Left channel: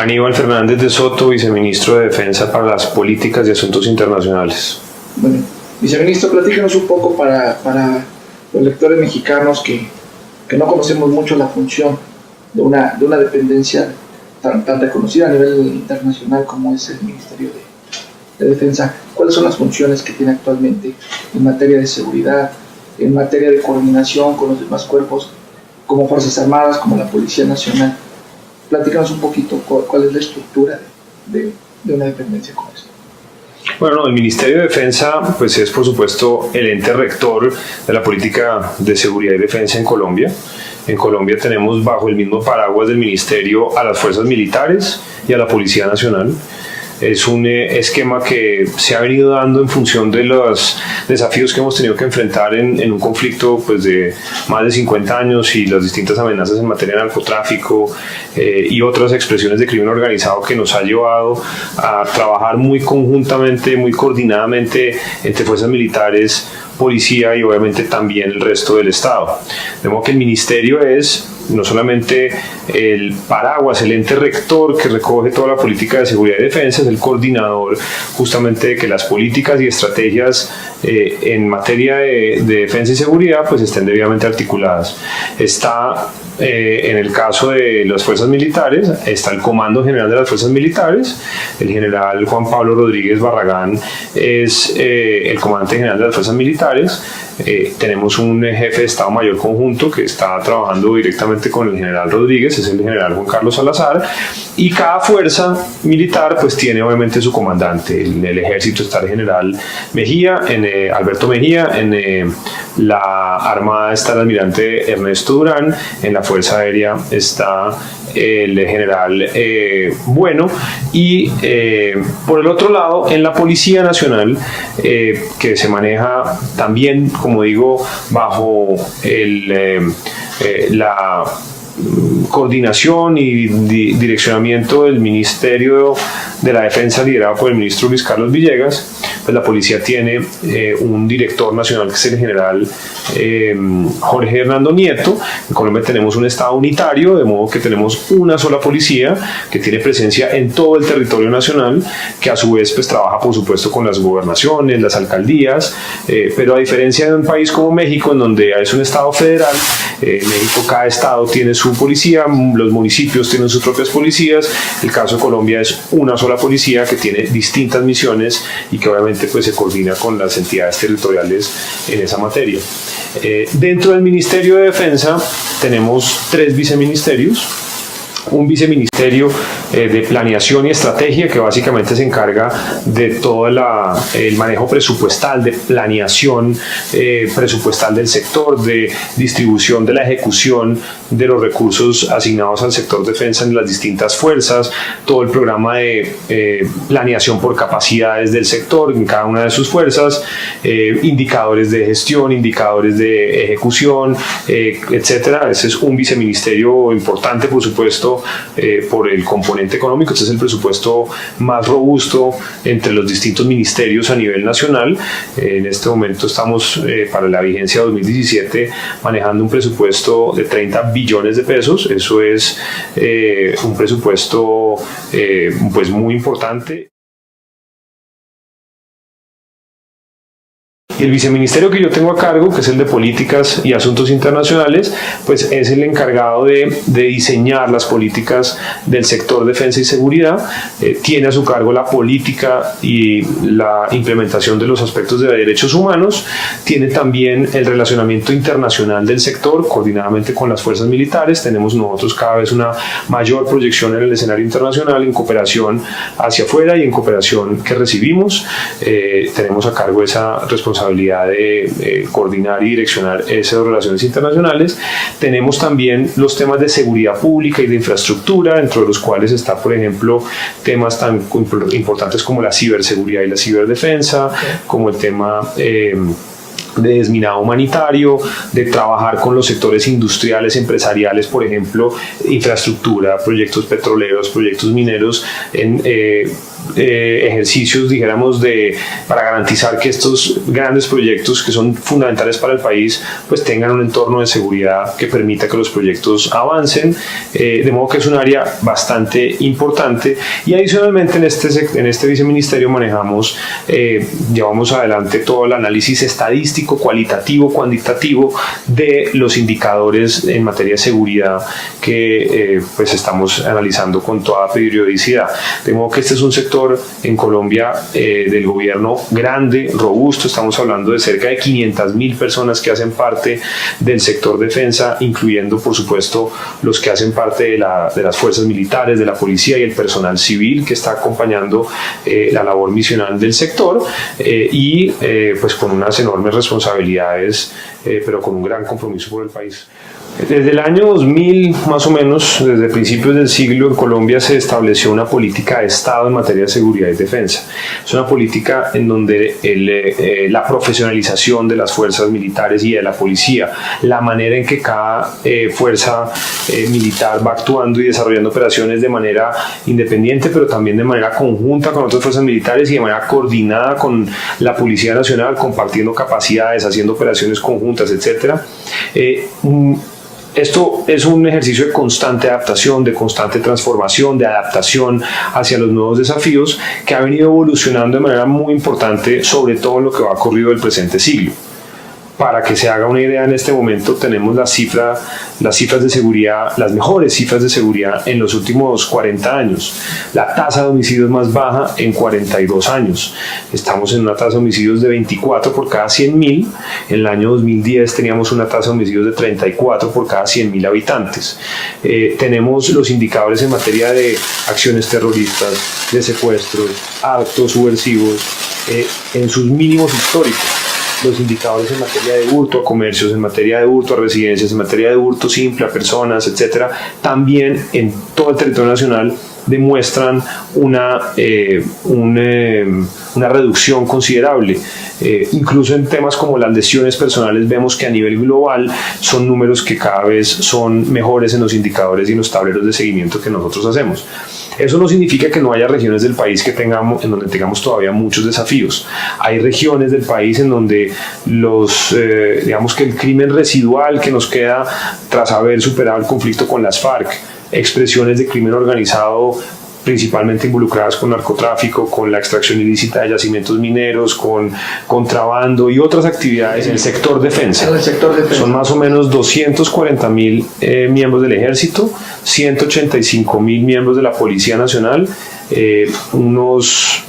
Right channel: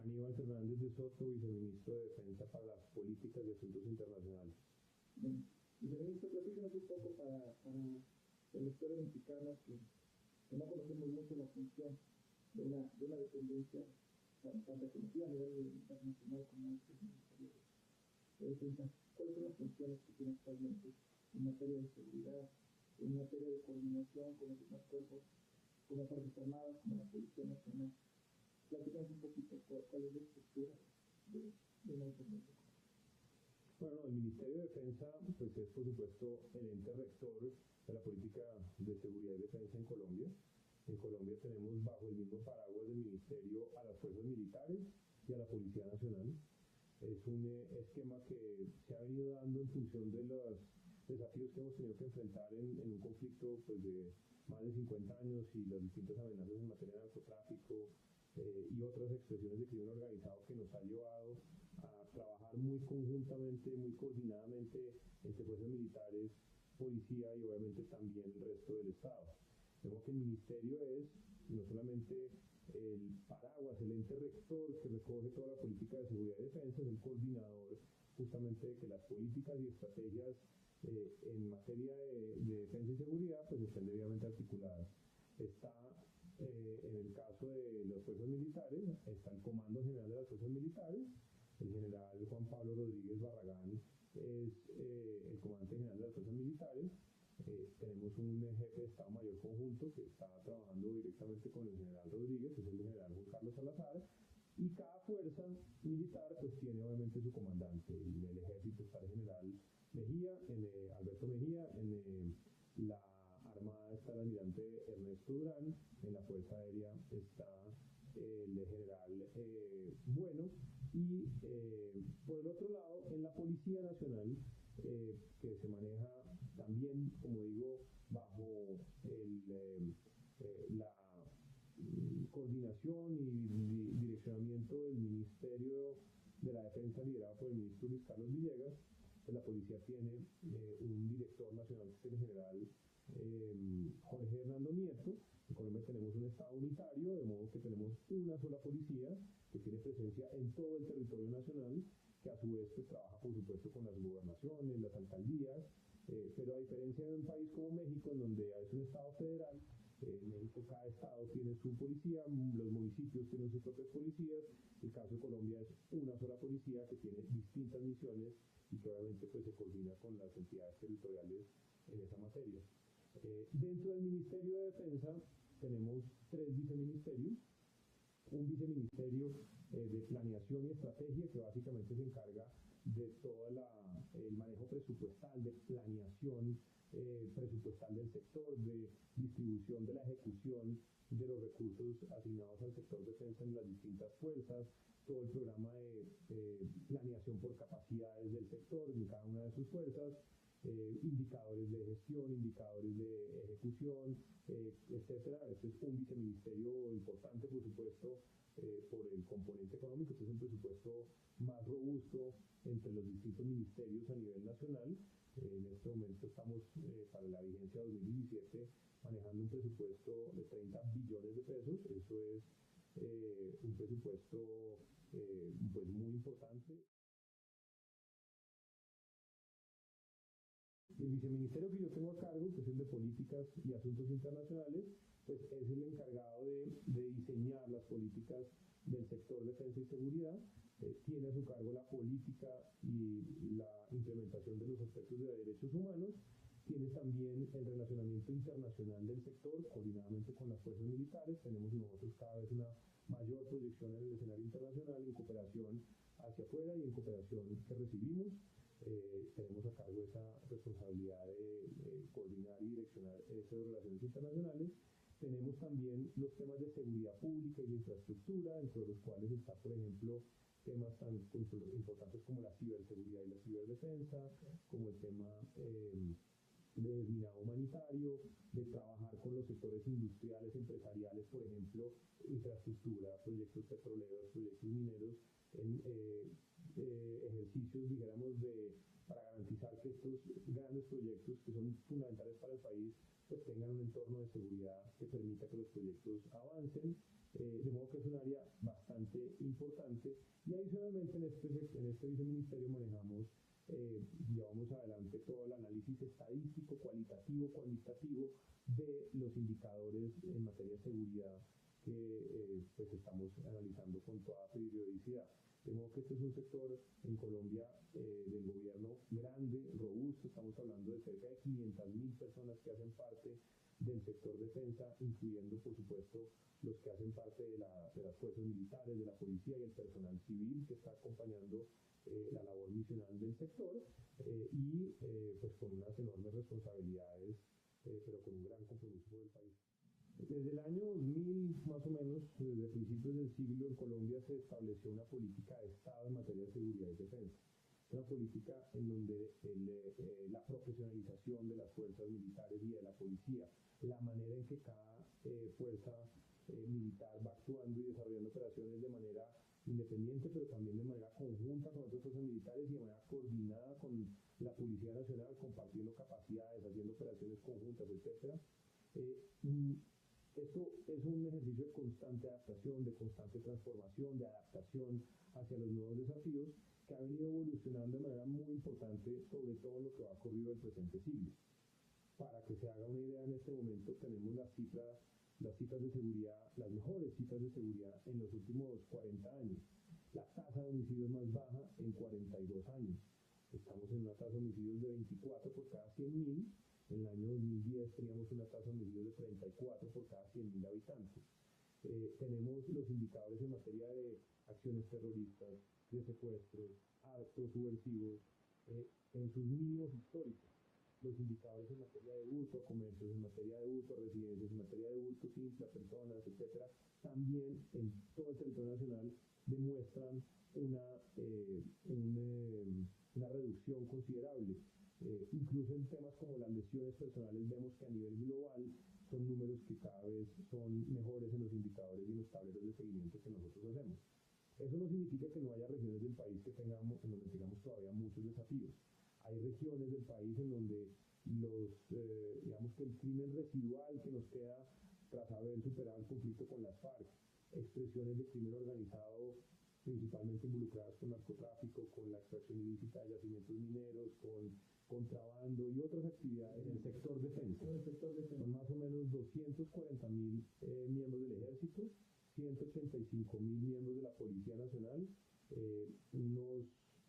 Aníbal Fernández de Soto, viceministro de Defensa para las Políticas y Asuntos Internacionales. Bueno, viceministro, platícanos un poco para los lectores mexicanos que no conocemos mucho la función de una dependencia tan reconocida a nivel internacional como es el Ministerio de Defensa. ¿Cuáles son las funciones que tiene actualmente en materia de seguridad, en materia de coordinación con los demás cuerpos, como Fuerzas Armadas, como la Policía Nacional? Platícanos un poquito cuál es la estructura de una dependencia como esta. Bueno, el Ministerio de Defensa pues es por supuesto el ente rector de la política de seguridad y defensa en Colombia. En Colombia tenemos bajo el mismo paraguas del Ministerio a las Fuerzas Militares y a la Policía Nacional. Es un esquema que se ha venido dando en función de los desafíos que hemos tenido que enfrentar en un conflicto pues, de más de 50 años y las distintas amenazas en materia de narcotráfico y otras expresiones de crimen organizado que nos ha llevado a trabajar muy conjuntamente, muy coordinadamente entre fuerzas militares, policía y obviamente también el resto del Estado. De modo que el Ministerio es no solamente el paraguas, el ente rector que recoge toda la política de seguridad y defensa, es el coordinador justamente de que las políticas y estrategias en materia de defensa y seguridad pues estén debidamente articuladas. Está en el caso de las fuerzas militares, está el Comando General de las Fuerzas Militares, el general Juan Pablo Rodríguez Barragán es el comandante general de las fuerzas militares. Tenemos un jefe de Estado Mayor conjunto que está trabajando directamente con el general Rodríguez, es el general Juan Carlos Salazar, y cada fuerza militar pues tiene obviamente su comandante. En el ejército está el general Mejía, Alberto Mejía, en la Armada está el almirante Ernesto Durán, en la Fuerza Aérea está el general Bueno, y por el otro lado en la Policía Nacional que se maneja también, como digo, bajo la coordinación y direccionamiento del Ministerio de la Defensa liderado por el ministro Luis Carlos Villegas, pues la policía tiene un director nacional que es el general Jorge Hernando Nieto. En Colombia tenemos un estado unitario, de modo que tenemos una sola policía que tiene presencia en todo el territorio nacional, que a su vez pues trabaja por supuesto con las gobernaciones, las alcaldías, pero a diferencia de un país como México, en donde es un estado federal, México cada estado tiene su policía, los municipios tienen sus propias policías. El caso de Colombia es una sola policía que tiene distintas misiones y que obviamente pues se coordina con las entidades territoriales en esa materia. Dentro del Ministerio de Defensa tenemos 3 viceministerios. Un viceministerio de planeación y estrategia que básicamente se encarga de todo el manejo presupuestal, de planeación presupuestal del sector, de distribución de la ejecución de los recursos asignados al sector defensa en las distintas fuerzas, todo el programa de planeación por capacidades del sector en cada una de sus fuerzas, indicadores de gestión, indicadores de ejecución, etcétera. Ese es un viceministerio importante, por supuesto, por el componente económico. Este es el presupuesto más robusto entre los distintos ministerios a nivel nacional. En este momento estamos para la vigencia 2017 manejando un presupuesto de 30 billones de pesos. Eso es un presupuesto pues muy importante. Y el viceministerio que yo tengo a cargo, que es el de Políticas y Asuntos Internacionales, pues es el encargado de diseñar las políticas del sector defensa y seguridad. Tiene a su cargo la política y la implementación de los aspectos de derechos humanos. Tiene también el relacionamiento internacional del sector, coordinadamente con las fuerzas militares. Tenemos nosotros cada vez una mayor proyección en el escenario internacional, en cooperación hacia afuera y en cooperación que recibimos. Tenemos a cargo esa responsabilidad de coordinar y direccionar esas relaciones internacionales. Tenemos también los temas de seguridad pública y de infraestructura, dentro de los cuales está, por ejemplo, temas tan importantes como la ciberseguridad y la ciberdefensa, como el tema de desminado humanitario, de trabajar con los sectores industriales, empresariales, por ejemplo, infraestructura, proyectos petroleros, proyectos mineros, en ejercicios, dijéramos, para garantizar que estos grandes proyectos que son fundamentales para el país pues tengan un entorno de seguridad que permita que los proyectos avancen, de modo que es un área bastante importante. Y adicionalmente en este viceministerio llevamos adelante todo el análisis estadístico, cualitativo, cuantitativo de los indicadores en materia de seguridad que pues estamos analizando con toda periodicidad. De modo que este es un sector en Colombia del gobierno grande, robusto. Estamos hablando de cerca de 500.000 personas que hacen parte del sector defensa, incluyendo por supuesto los que hacen parte de las fuerzas militares, de la policía y el personal civil que está acompañando la labor misional del sector, pues con unas enormes responsabilidades, pero con un gran compromiso por el país. Desde el año 2000, más o menos, desde principios del siglo, en Colombia se estableció una política de Estado en materia de seguridad y defensa. Es una política en donde la profesionalización de las fuerzas militares y de la policía, la manera en que cada fuerza militar va actuando y desarrollando operaciones de manera independiente, pero también de manera conjunta con otras fuerzas militares y de manera coordinada con la Policía Nacional, compartiendo capacidades, haciendo operaciones conjuntas, etc. Esto es un ejercicio de constante adaptación, de constante transformación, de adaptación hacia los nuevos desafíos que ha venido evolucionando de manera muy importante, sobre todo en lo que va ocurrido del presente siglo. Para que se haga una idea, en este momento tenemos las cifras de seguridad, las mejores cifras de seguridad en los últimos 40 años. La tasa de homicidios más baja en 42 años. Estamos en una tasa de homicidios de 24 por cada 100.000. En el año 2010 teníamos una tasa de homicidios de 34 por cada 100.000 habitantes. Tenemos los indicadores en materia de acciones terroristas, de secuestros, actos subversivos, en sus mínimos históricos. Los indicadores en materia de hurto a comercios, en materia de hurto a residencias, en materia de hurto simple a personas, etcétera, también en todo el territorio nacional demuestran una reducción considerable. Incluso en temas como las lesiones personales vemos que a nivel global son números que cada vez son mejores en los indicadores y en los tableros de seguimiento que nosotros hacemos. Eso no significa que no haya regiones del país en donde tengamos todavía muchos desafíos. Hay regiones del país en donde digamos que el crimen residual que nos queda tras haber superado el conflicto con las FARC, expresiones de crimen organizado principalmente involucradas con narcotráfico, con la extracción ilícita de yacimientos mineros, con contrabando y otras actividades en el sector defensa. Son más o menos 240.000 miembros del Ejército, 185.000 miembros de la Policía Nacional, unos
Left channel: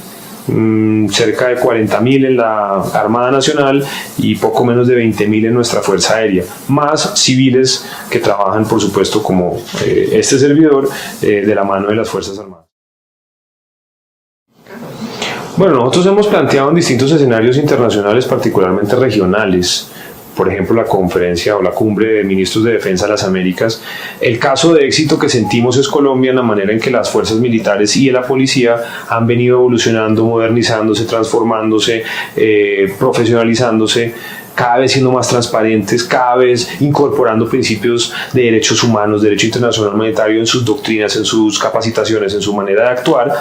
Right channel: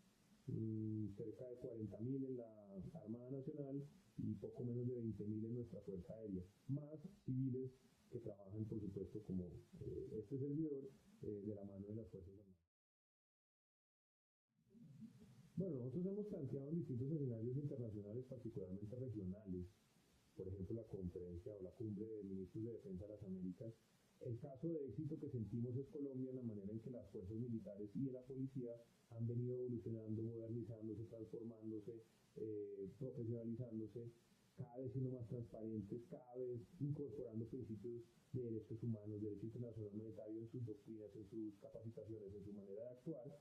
cerca de 40.000 en la Armada Nacional y poco menos de 20.000 en nuestra Fuerza Aérea, más civiles que trabajan, por supuesto, como este servidor, de la mano de las Fuerzas Armadas. Bueno, nosotros hemos planteado en distintos escenarios internacionales, particularmente regionales, por ejemplo la conferencia o la cumbre de ministros de defensa de las Américas. El caso de éxito que sentimos es Colombia en la manera en que las fuerzas militares y la policía han venido evolucionando, modernizándose, transformándose, profesionalizándose, cada vez siendo más transparentes, cada vez incorporando principios de derechos humanos, derecho internacional humanitario en sus doctrinas, en sus capacitaciones, en su manera de actuar.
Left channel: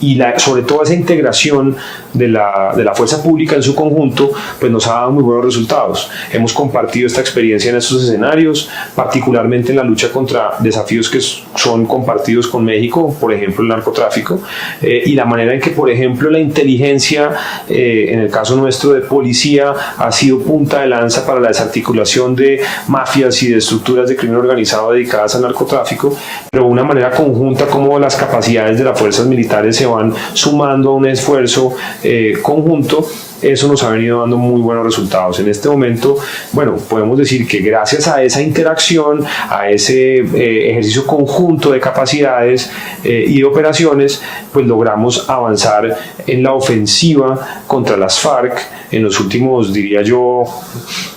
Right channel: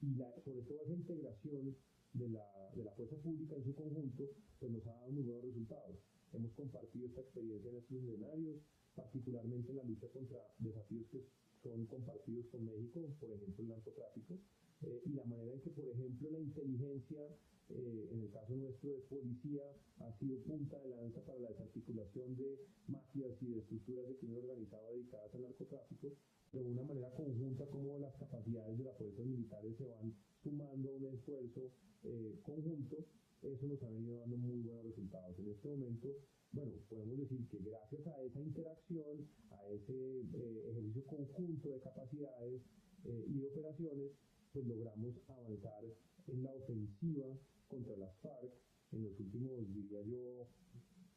Y sobre todo esa integración de la fuerza pública en su conjunto pues nos ha dado muy buenos resultados. Hemos compartido esta experiencia en estos escenarios, particularmente en la lucha contra desafíos que son compartidos con México, por ejemplo el narcotráfico, y la manera en que, por ejemplo, la inteligencia, en el caso nuestro de policía, ha sido punta de lanza para la desarticulación de mafias y de estructuras de crimen organizado dedicadas al narcotráfico, pero de una manera conjunta como las capacidades de las fuerzas militares se van sumando a un esfuerzo conjunto. Eso nos ha venido dando muy buenos resultados. En este momento, bueno, podemos decir que gracias a esa interacción, a ese ejercicio conjunto de capacidades y de operaciones, pues logramos avanzar en la ofensiva contra las FARC en los últimos, diría yo,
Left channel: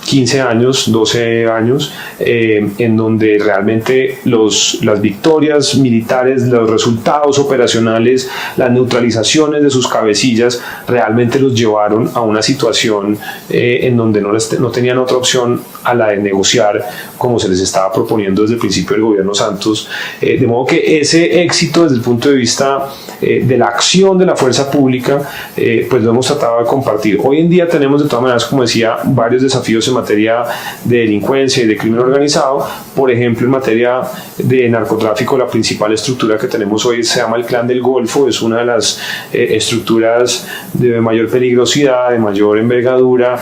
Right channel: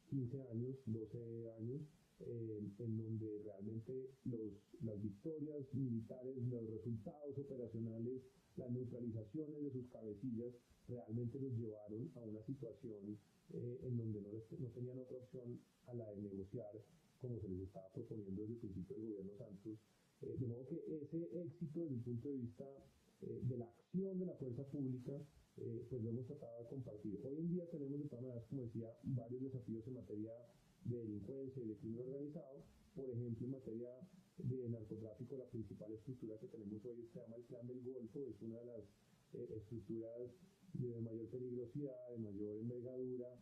15 años, 12 años, en donde realmente las victorias militares, los resultados operacionales, las neutralizaciones de sus cabecillas realmente los llevaron a una situación en donde no tenían otra opción a la de negociar como se les estaba proponiendo desde el principio del gobierno Santos. De modo que ese éxito desde el punto de vista de la acción de la fuerza pública, pues lo hemos tratado de compartir. Hoy en día tenemos de todas maneras, como decía, varios desafíos en materia de delincuencia y de crimen organizado. Por ejemplo, en materia de narcotráfico, la principal estructura que tenemos hoy se llama el Clan del Golfo. Es una de las estructuras de mayor peligrosidad, de mayor envergadura,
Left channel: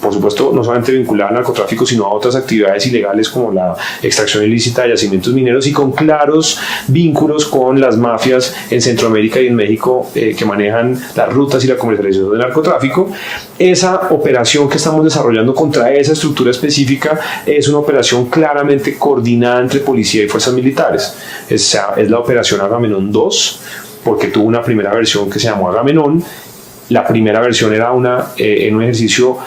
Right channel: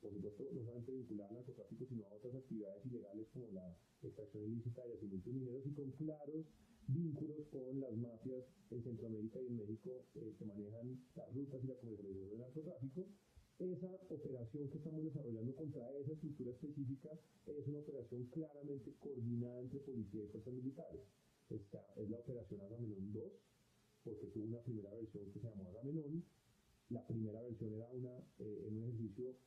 por supuesto no solamente vinculada al narcotráfico, sino a otras actividades ilegales como la extracción ilícita de yacimientos mineros, y con claros vínculos con las mafias en Centroamérica y en México que manejan las rutas y la comercialización del narcotráfico. Esa operación que estamos desarrollando contra esa estructura específica es una operación claramente coordinada entre policía y fuerzas militares. Es la operación Agamenón 2, porque tuvo una primera versión que se llamó Agamenón. La primera versión era en un ejercicio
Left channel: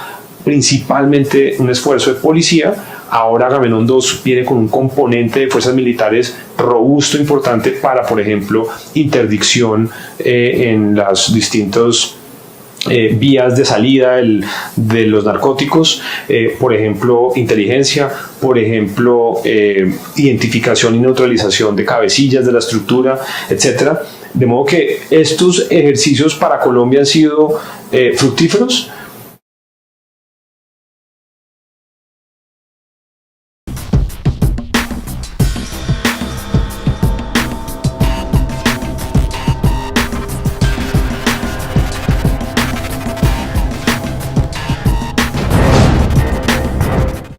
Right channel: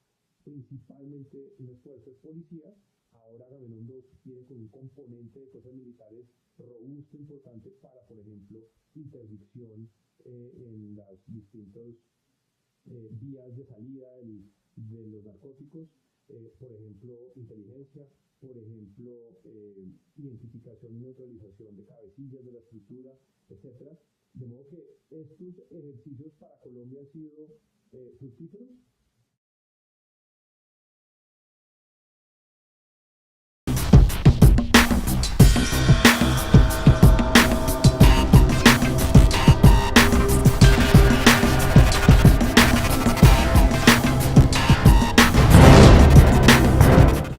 principalmente un esfuerzo de policía. Ahora Agamenón 2 viene con un componente de fuerzas militares robusto, importante para, por ejemplo, interdicción en las distintos vías de salida de los narcóticos, por ejemplo, inteligencia, por ejemplo, identificación y neutralización de cabecillas de la estructura, etcétera. De modo que estos ejercicios para Colombia han sido fructíferos.